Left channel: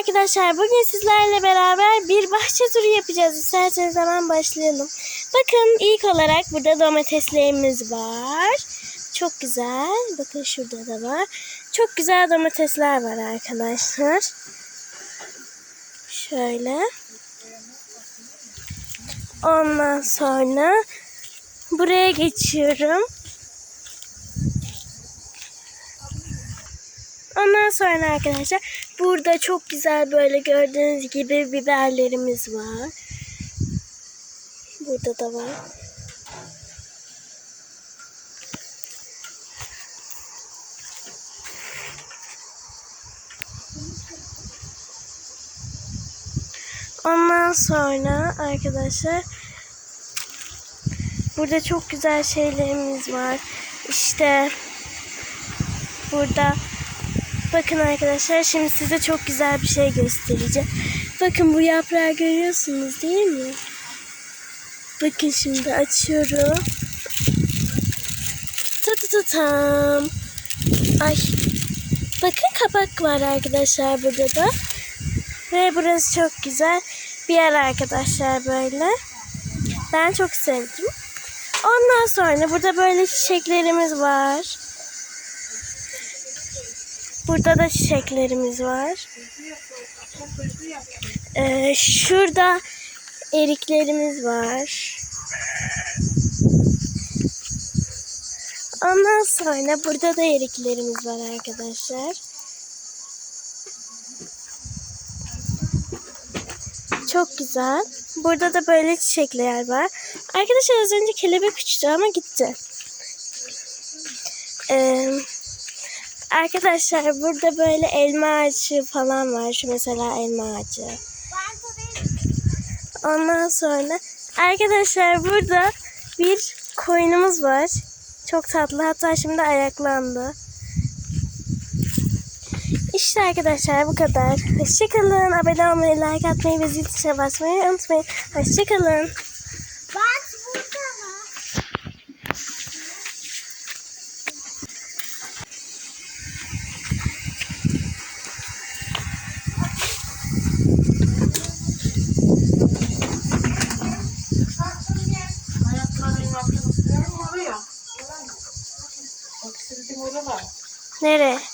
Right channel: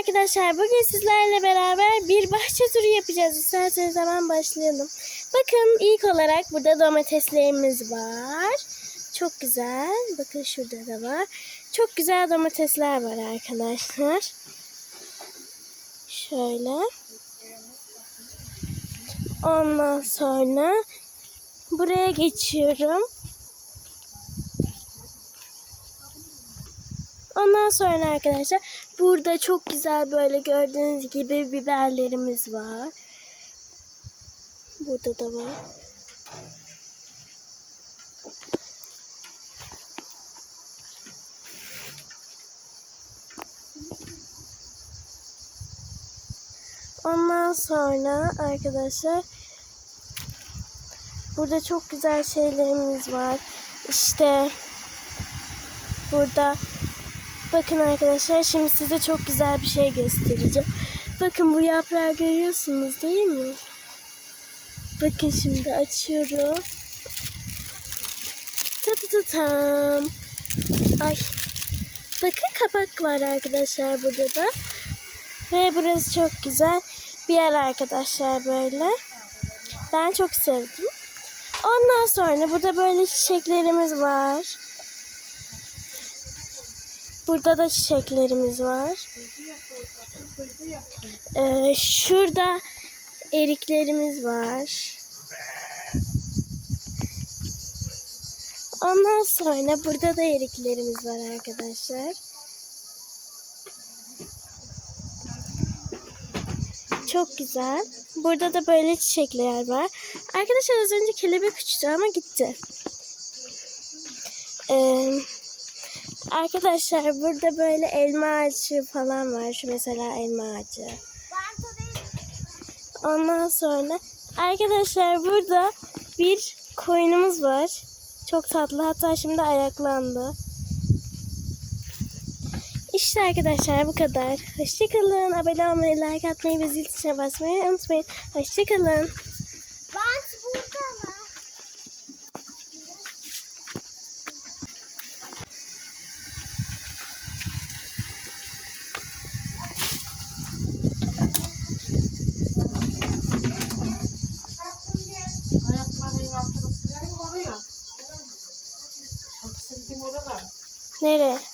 arkadaşlar bugün sizlerle beraber bir bahçe turu yapacağız. İsterseniz hemen başlayalım. Bakın ilk olarak burada domateslerimiz var. Çok güzel. Bakın şurada da var. Çok güzel domatesler var arkadaşlar. Şöyle. Ondan sonra buraya geçiyorum. Ondan sonra arkadaşlar burada çok güzel böyle gördüğünüz gibi biberlerimiz var. Burada da var. Ondan sonra arkadaşlar burada çok güzel şeylerimiz var. İşte burada bakın arkadaşlar şimdi size çok güzel bir şey göstereceğim. Bakın bu yaprağı görüyorsunuz değil mi? Bakın şimdi açıyorum. Ta ta ta tam. Ay. Bakın kapak var arkadaşlar burada da. Ve burası çok güzel bir yer arkadaşlar böyle. Ben çok sevdim. Ondan sonra burada böyle çiçeklerimiz var. Burada da çiçeklerimiz var. Ee, şurada eriklerimiz var. Ondan sonra burada da eriklerimiz var arkadaşlar. Çok güzel. Burada da böyle çiçekler var. Arkadaşlar az önce kelebek uçtu ama gitti. Ee, arkadaşlar burada böyle elma ağacı falan var. Şu mesela elma ağacı. Ondan sonra arkadaşlar burada bir koyunumuz var. Çok tatlı. Hatta şimdi ayaklandı. İşte arkadaşlar bu kadar. Hoşçakalın. Abone olmayı, like atmayı ve zil tuşuna basmayı unutmayın. Hoşçakalın. Nereye?